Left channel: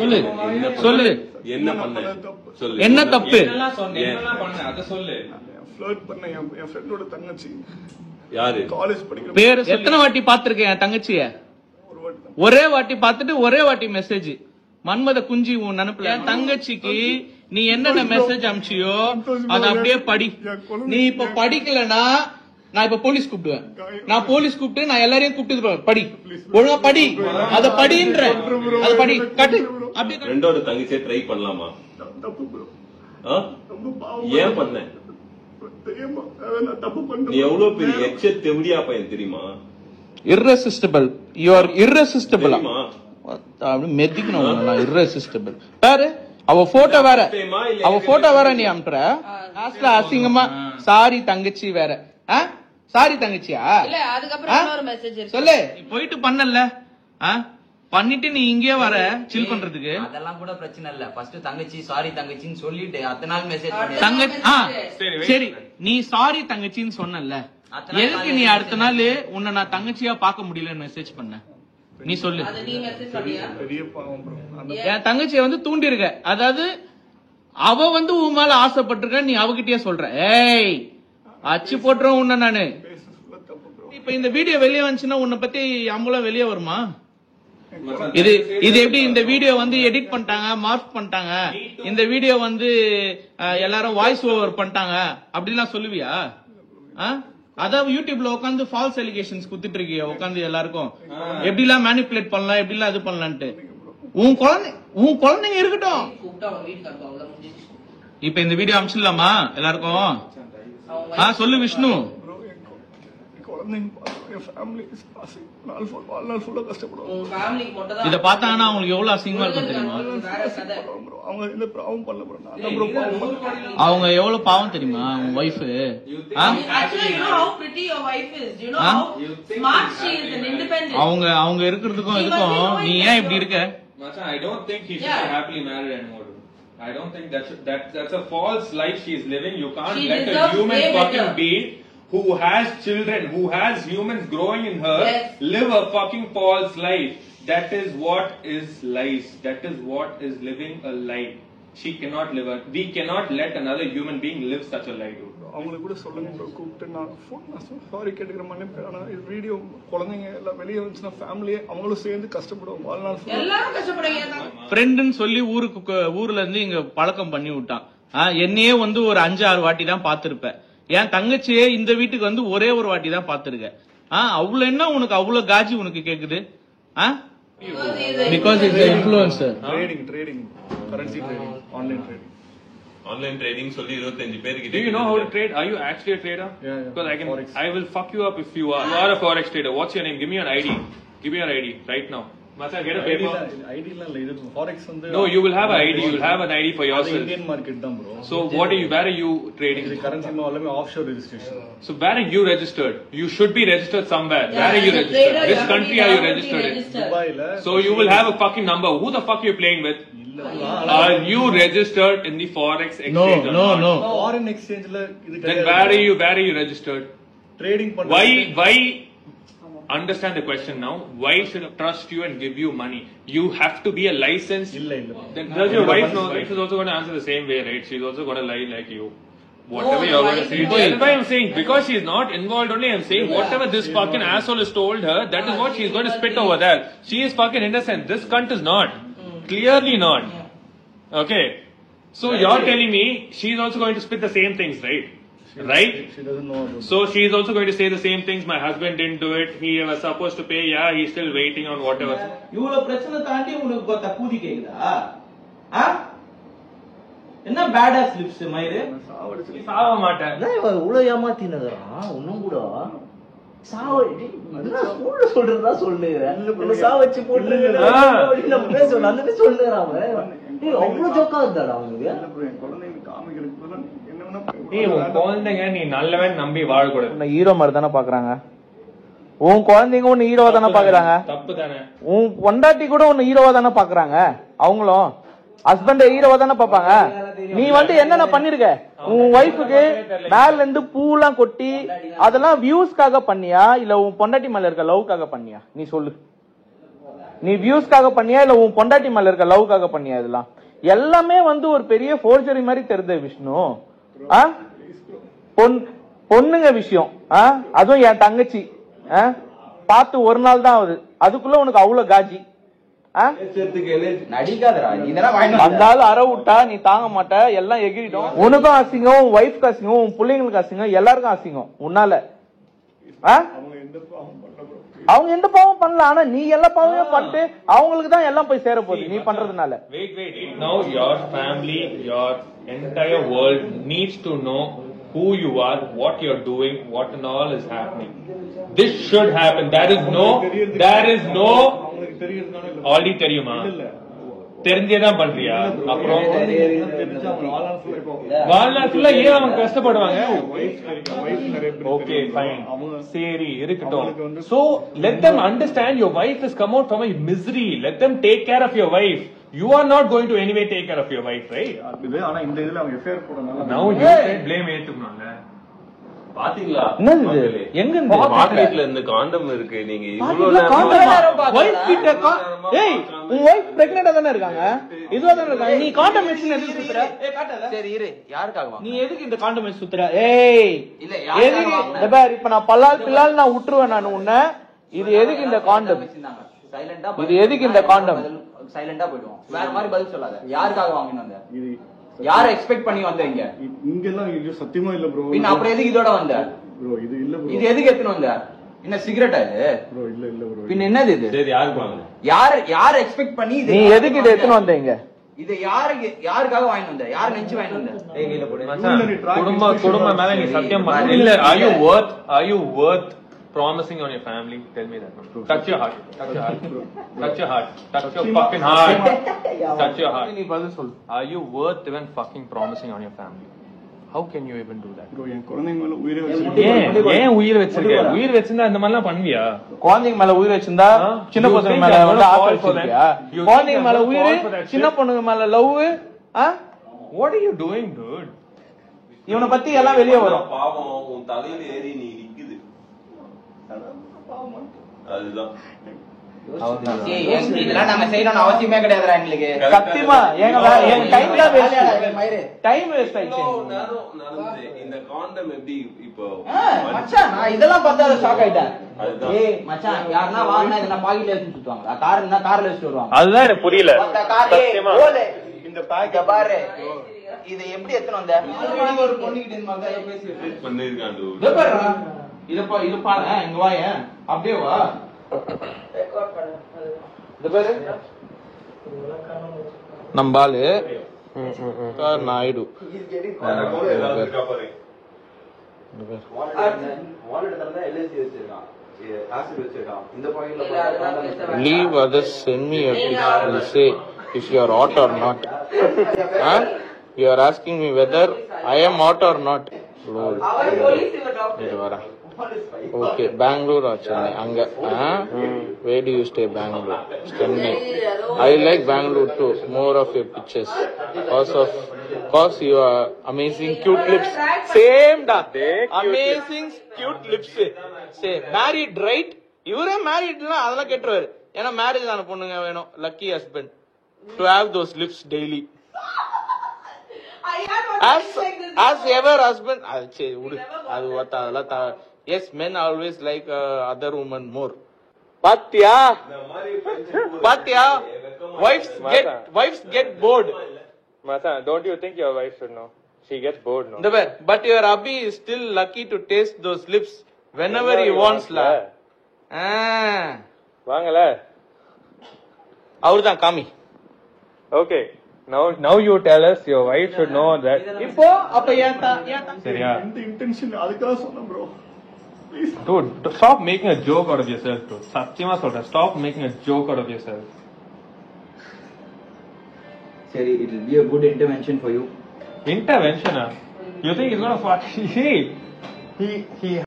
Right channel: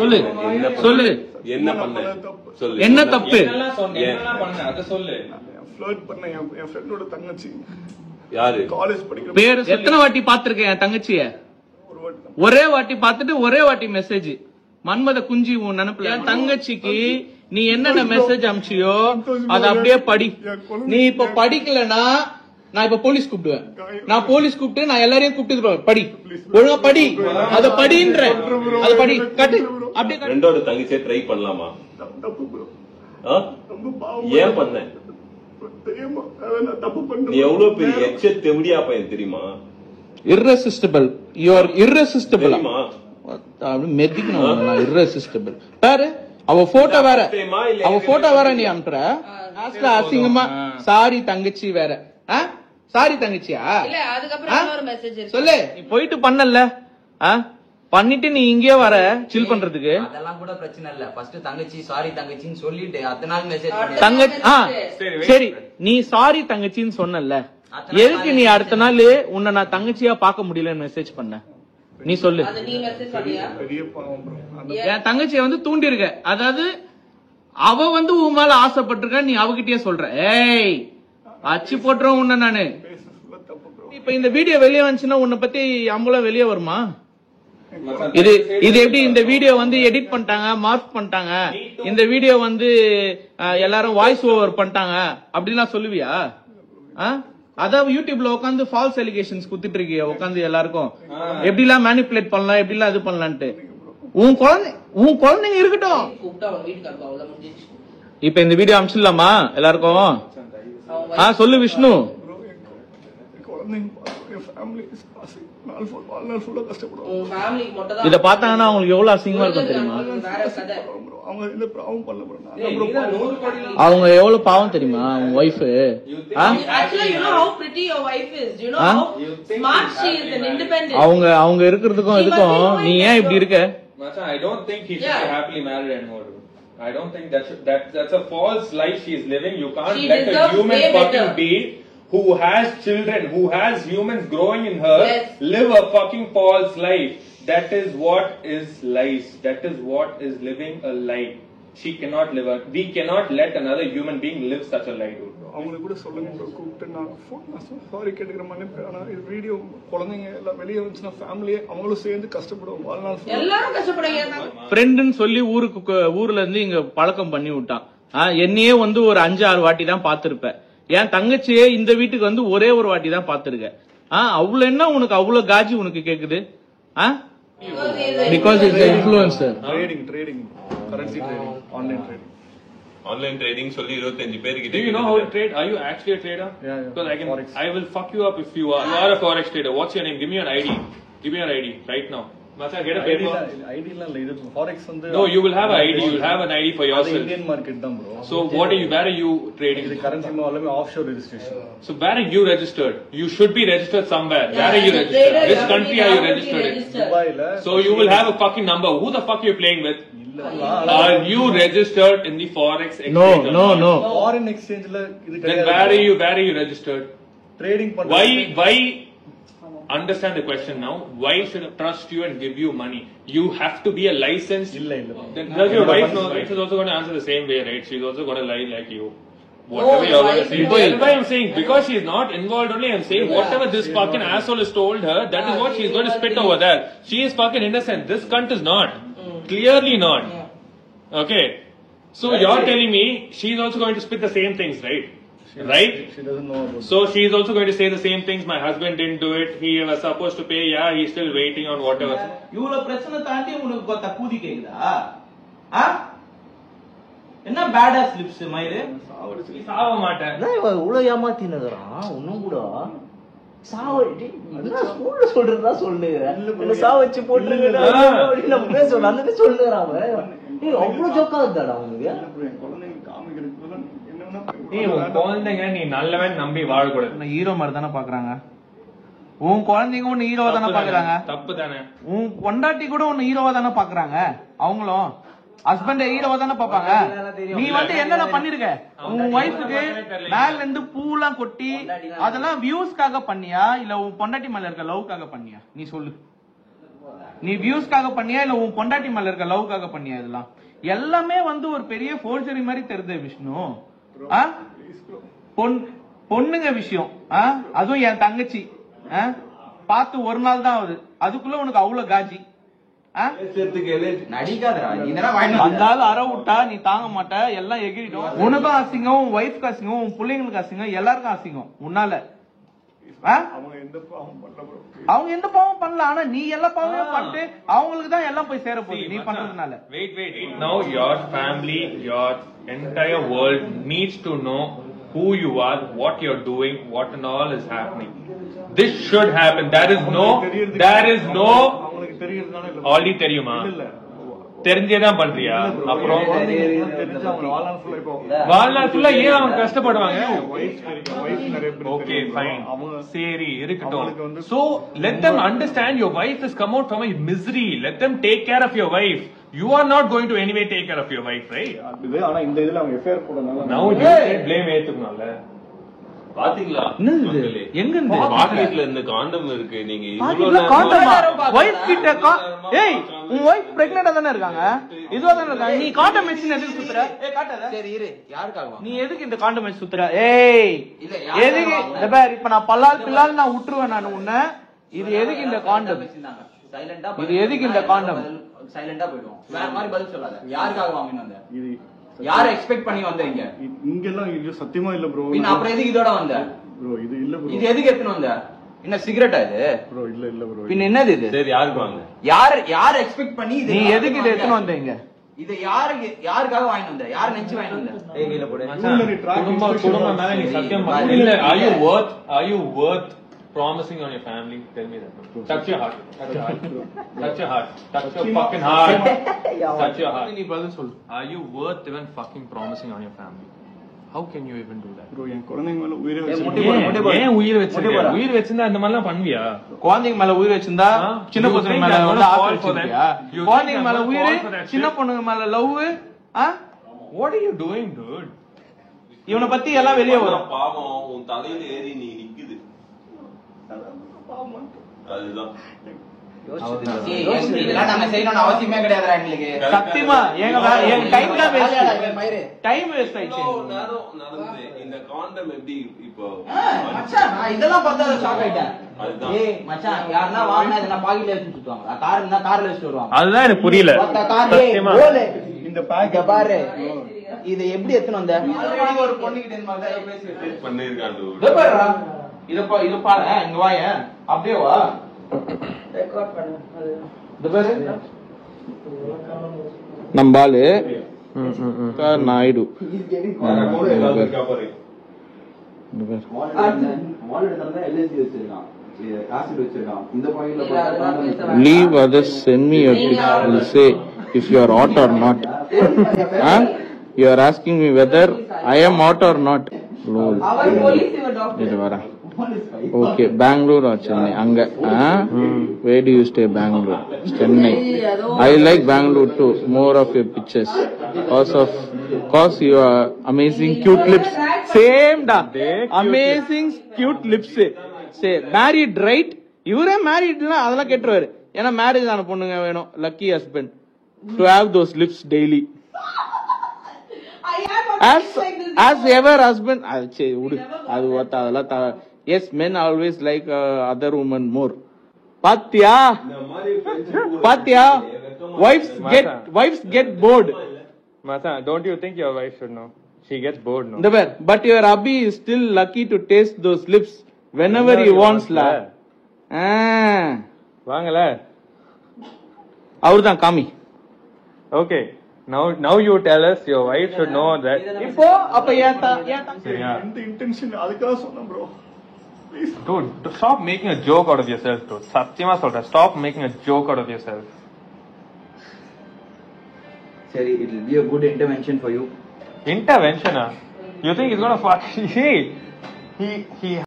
சொல்லு சொல்லு என்ன பண்ண சொல்லு. என்ன தப்பு? என் ஃப்ரெண்டோட தங்கச்சி யாரு? காலேஜ் படிக்கிற பேரு எத்தனை வாட்டி பாத்திருக்கேன் என் தங்கச்சிய? ஒரே வாட்டி பாத்துட்டு ஒரே வாட்டி மெசேஜ் மன்மத குஞ்சி உன் நினைப்புல. என் தங்கச்சிக்கு நீ என்னென்ன மெசேஜ் அனுப்பிச்சியோ அத அப்படியே படி. நீ இப்ப படிக்கலனா நான் இப்ப போலீஸ் கூப்பிடுவேன். நான் போலீஸ் கூப்பிட்டு நான் எல்லாரையும் கூப்பிட்டு படி, ஒழுங்கா படி, அத படின்ற, அத படி கட்டு. அப்படியே ரெண்டோட தங்கச்சியை ட்ரை பண்ணலாமா? ஏன் பண்ண? நீ எவ்வளவு பெரிய எச்ச தெவடியா பையன் தெரியுமா? irresistible, you are irresistible. அப்படி மெதிக்கணும். நான் irresistible பாரு. அவ போட்டோ வேற, அவ போட்டோ வேற நீ அனுப்புற. லாஸ்ட்ல அசிங்கமா சாரி தங்கச்சி வேற. சாரி தங்கச்சியா சொல்லு. நீ போயிட்டு பண்ணல, பண்ணிட்டு நீ இங்கே வர சில் பண்றதுக்கு. அதெல்லாம் கூட பிரச்சனை இல்ல. ஃபர்ஸ்ட் தங்கச்சி சாரி தங்கச்சின்னு சொல்லிட்டு அத்தனை நாள் மெசேஜ் பண்ணி தங்கச்சி சரி நீ சாரி தங்கச்சின்னு சொன்னல, எதுக்கு நீ அடுத்த நாள் உன்னை நான் தங்கச்சியா பாக்க முடியலன்னு மெசேஜ் பண்ண? நீ சொல்லு. என் தங்கச்சிய வந்து தூண்டி இருக்க, அதாவது அவ வந்து உன் மேல ஆசைப்பட்டிருக்க, நீ அவகிட்டயே சொல்ற. ஏய் அச்சு போட்டுறோம் உன்ன நானு. இப்ப இந்த வீடியோ வெளியே வந்துச்சுன்னா உன்னை பத்தி அம்பலம் வெளியே வருமா? இது இது எப்படி இந்த வீடியோ வந்து எடிட் பண்ணிட்டாங்க, மார்க் பண்ணிட்டாங்க, இந்த வீடியோ வந்து எல்லாரும் வாய்ஸ் ஓவர் பண்ணிட்டாங்க அப்படிலாம் சொல்லுவியா? அதான் யூடியூப்ல உட்காந்து ஃபால்ஸ் எலிகேஷன்ஸ் குடுத்துட்டு இருக்கிய உட்காந்து எல்லாருக்கும் எப்படி எல்லாம் மேனிபுலேட் பண்ணலாம், எப்படி எல்லாம் இது பண்ணலான்ட்டு. உன் குழந்தைங்க இருக்கட்டும். இப்ப இந்த வீடியோ அனுப்பிச்சிடலாமா எல்லாருக்கும்? சொல்லு விஷ்ணு. இத பார்த்தாங்கன்னா அவங்களுக்கு எவ்வளவு அசிங்கமா இருக்கும் தெரியுமா? அவங்க எவ்வளவு பாவம் தெரியுமா அவங்க ஒய்ஃப்? அவங்க அவங்க இருக்கிறதுக்கும் இதுக்கும் நீ ஏன் இப்படி இருக்க? I don't think he should be happily married anymore. I don't think that's a false life she is living. You can't let a human fucking being who has children, who has humans growing in her, live a fucking false life. That is what is lies. That is what is living a lie. She cannot live a. We cannot let another human being live such a lie. அவங்களுக்கு கூட சொல்லுங்க கூப்பிட்டு நான் sorry கேட்டுக்கிற மன்னிப்பு. ஆனா இது video குழந்தைங்க எல்லாம் வெளியே வந்துச்சுன்னா ஃபேமிலியே அவங்களும் சேர்ந்து கஷ்டப்படுவோம். வாழ்நாள் எல்லாரும் கஷ்டப்படுவாங்க. ஃப்ரெண்டுன்னு சொல்லி ஊர்ல இருந்து இங்க பழக்கம் பண்ணி விட்டான். என்னையே வந்து ஒரு 5-6 வாட்டி தான் பாத்திருப்பேன். என் தங்கச்சியே இந்த வீட்டுக்கு வந்து ஒரே ஒரு வாட்டி தான் பாத்துருக்க. அவ்வளவு என்ன உனக்கு அவ்வளவு காஜி உனக்கு கேக்குது? Because it's influencer. Trading currency trading, online trading. Online trading சொல்லி 25 பேருக்கு. Do you know how to trade? Are you actually a trader? Yeah. Because I will fuck you up if you are. You are a forex trader. What's your name? Give me your ID. Give me your ID right now. Masa, get a paper. ID la illa. Forex வந்து No, you will have an ID. You will have an ID for yourself. Indian market தான் bro. So where are you trading? இது currency எல்லாமே offshore registration. So where are you registered? You should be registered somewhere. Where are you registered? Which country are you registered in? Dubai la. So you will have a fucking number. Who the fuck are you playing with? Are you registered in the forex exchange? No. Foreign exchange la இது Then where are you registered? Trading பண்றது. Why understand the question now? Why should I trust you and give you money? You have to be a licensed. இல்ல. Then does your wife know? She's also going to answer the same way, right? She's also going to lie like you. Whatever you're going to say. That's why I'm saying, because she's not involved only, I'm saying whatever this fucking asshole has told her, that is what she's going to spit over there. She is fucking innocent. This cunt is not. Clearly not. Okay. So you're telling me she's also going to spit the same things, right? Right? She doesn't know about So she is also going to say the same things. My husband didn't do it. He was supposed to pay. Yeah, he's still waiting on whatever. இவ்வளவு பிரச்சனை தாண்டி உனக்கு பார்த்தா கூடி கேக்குதா? என்ன பேடா slips மயிறு சாவ மாட்டேன். இவ்வளவு ஏமாத்தினுறான் ஒன்னும் கூட சொல்றதா சொல்லுகிறேன். சாவச்சு போட்டுருக்கேன் சொல்லுறான். அவ்வளவு ஜோக்கா இருந்தாடா அவனுக்கு. குழந்தைங்களுக்கு காமிக்கிறதுக்கு குழந்தைங்க நீ நல்லவன் நம்பி வாழக்கூடாது. ஹீரோ மாதிரி தானே பாக்குறாங்க. உன் குழந்தைங்க உன்னை ஹீரோவா தானே பாக்குறாங்க. தப்பு தானே. உன் பொண்டாட்டி கூட உன்னை ஹீரோவா தானே பாக்குறாங்க. அவங்களும் ஹஸ்பண்ட் ஹீரோவா தானே பாப்பாங்க. நீ வந்து என்னென்ன பண்ணிருக்க? உன் ஒய்ஃபுக்கு மேல இருந்து பூலாம் கொட்டி அதெல்லாம் வியூஸ்க்காக பண்ணியா இல்ல உன் பொண்டாட்டி மேல இருக்க லவ்க்காக பண்ணியா? நீ சொல்லு. நீ வியூஸ்க்காக பண்ணியா இல்ல உன் பொண்டாட்டி மேல இருக்க லவ்க்காக பண்ணியா? இதெல்லாம் எல்லாமே வந்து ஒரு பெரிய ஃபோர்ஜரி மாதிரி தெரியுது விஷ்ணு. பொண்ணுங்க விஷயம், அதுவும் என் தங்கச்சி பார்த்து ஒரு நாள் தான் ஆகுது, அதுக்குள்ள உனக்கு அவ்வளவு காஜி. வந்தாலும் அற விட்டா நீ தாங்க மாட்ட, எல்லாம் எகிரிடும். உனக்கும் அசிங்கம், உன் ஒய்ஃப்க்கு அசிங்கம், உன் பிள்ளைங்களுக்கு அசிங்கம், எல்லாருக்கும் அசிங்கம் உன்னால. அவங்க எந்த பாவம் பண்ணல, ஆனா நீ எல்லா பாவமும் பண்ணிட்டு அவங்களுக்கு தான் எல்லாம் போய் சேர போகுது நீ பண்றதுனால. Wait. Now your family, your entire world needs to know who you are, what you're doing, what and all is happening. This should happen. There is no already தெரியுமா? தெரிஞ்சேதான் பண்றியா? அப்புறம் வாழ்நாள் ஏன் அவங்க கஷ்டப்படுவாங்க? ஓகே ஃபைன், சரி இருக்கட்டும். So let them understand your wife has come out from a misery. Let them take care of your wife. You are not going to anyway take care of your wife, right? ஆனா இந்த இதுல அவங்க affair போடுறதுனால now you say blame ஏத்துக்கணும்ல. பாத்தீங்களா எங்க பாக்கெட்ல இந்த காண்டம் இருக்கு. நீங்க இவ்வளவு உன் வைஃப் பிரெக்னெண்டா தானே இருக்காங்க, இதுவா தானே இருக்காங்க. நீ காண்டம் வச்சு எதுக்கு சுத்துற? சரி இரு, யாருக்காக நீ எதுக்கு இந்த காண்டம் வச்சு சுத்துற? ஏய் இல்ல எதுக்கு இப்ப நான் பல்லால் பில்லால் நான் விட்டுருவேன் நான் உன்ன. இது எதுக்கு இந்த காண்டம்? சைலண்டா இது எதுக்கு இந்த காண்டம்? சைலண்டா போயிடுவோம். வேற மாதிரி பதில் சொல்லாத. யாருக்காக வாங்கினு வந்த? யார எக்ஸ்பெக்ட் பண்ணி வந்த? இங்க எல்லாம் சத்தியமா இல்ல ப்ரோ. பின்ன அப்புறம் எதுக்கு இதோட வந்த ப்ரோ? இது இல்ல ப்ரோ. இது எதுக்கு எடுத்துன்னு வந்த? என்ன சிகரெட்டா இது ப்ரோ? இல்ல ப்ரோ. பின்ன என்னது இது? சரி யாருக்கு வாங்க? யார எக்ஸ்பெக்ட் பண்ணி நீ எதுக்கு இத எடுத்துன்னு வந்தீங்க? இது யாருக்காக வாங்கிட்டு வந்த? யார நினைச்சு வாங்கிட்டு வந்த? கையில போடு. குடும்ப மேல நீ சத்தியம் பண்ண இல்ல. Are you worth promising on your family? Tell me that. Touch your heart. Touch your heart. Touch your fucking heart. Touch your heart. நீ பதில் சொல்லு. Are you worth even fucking promising on your family? How can you even do that? Bro என் குழந்தைங்க மேல உயிரை வச்சிருக்கேன். ஏன் உயிர் வச்சிருக்க? உயிர் வச்சிருந்தா இந்த மாதிரிலாம் பண்ணுவியா? குழந்தைங்க மேல உயிர் வச்சிருந்தா சின்ன பசங்க மேல வந்து ஆசை வச்சிருக்கியா? குழந்தைங்க மேல உயிர், சின்ன பொண்ணுங்க மேல love. What are you doing, dude? இவனை பத்தி எல்லாம் வெளியே வரும். பாவம் உன் தலையில ஏறி நீ நிக்குது. அதுதான் நாங்க செய்யணும் அவசியமே கிடையாது எங்களுக்கு. சத்தியமா எங்க டைம் தான் டைம் வேஸ்ட் ஆயிடுச்சு. இந்த காண்டம் எப்படி இப்போ மச்சான் நான் இதெல்லாம் பார்த்தா ஷாக் ஆயிட்டேன். ஏய் மச்சான் யாருன்னா வாங்கினா இதை பாக்கெட்ல எடுத்து சுத்துவாங்க, கார்ல வச்சு வருவாங்க. அதுதான் எனக்கு புரியல. இந்த பேக் பாரு இது எப்படி எடுத்துன்னு வந்த? ஆல்ரெடி ஒரு பொண்ணுகிட்ட இது பாரு, இங்க வாய அப்படியே வா. நம்பாலு Naidu leave others, send me a picture, will say if you are hot or not. You are asking me whether I am hot or not. No. Okay, Bangalore or Chennai? Anga. Where do you stay? Bangalore, Chennai. I like Bangalore too. More of your pictures. Cause you are amazing cute lips. Same da. Amazing cute lips. Say married right? இவரே மேரிட்னா அதெல்லாம் கேட்டுருவாரு. ஏன்னா marriage ஆன பொண்ணுங்க வேணும். Lucky husband to have those lips daily. As ever husband. அது what அதெல்லாம். Yes, men always like other women more. Patya. Wives get bored. Mata, don't you think your wife should know? She gets bored now. But your hubby is still lucky to taste those lips whenever he wants la. வாங்கல. அவர்தான் காமி. Okay. Now you tell us your wife should know that. இப்போ அப்ப சரியா? இந்த intention அதுக்காக சொன்னேன் bro. Dude, stop making a joke out of yourself, dude. Satyama Soda, stop making a joke out of yourself. Sorry, it will be a good intervention for you. Intervention? You think he's gonna fuck? See, he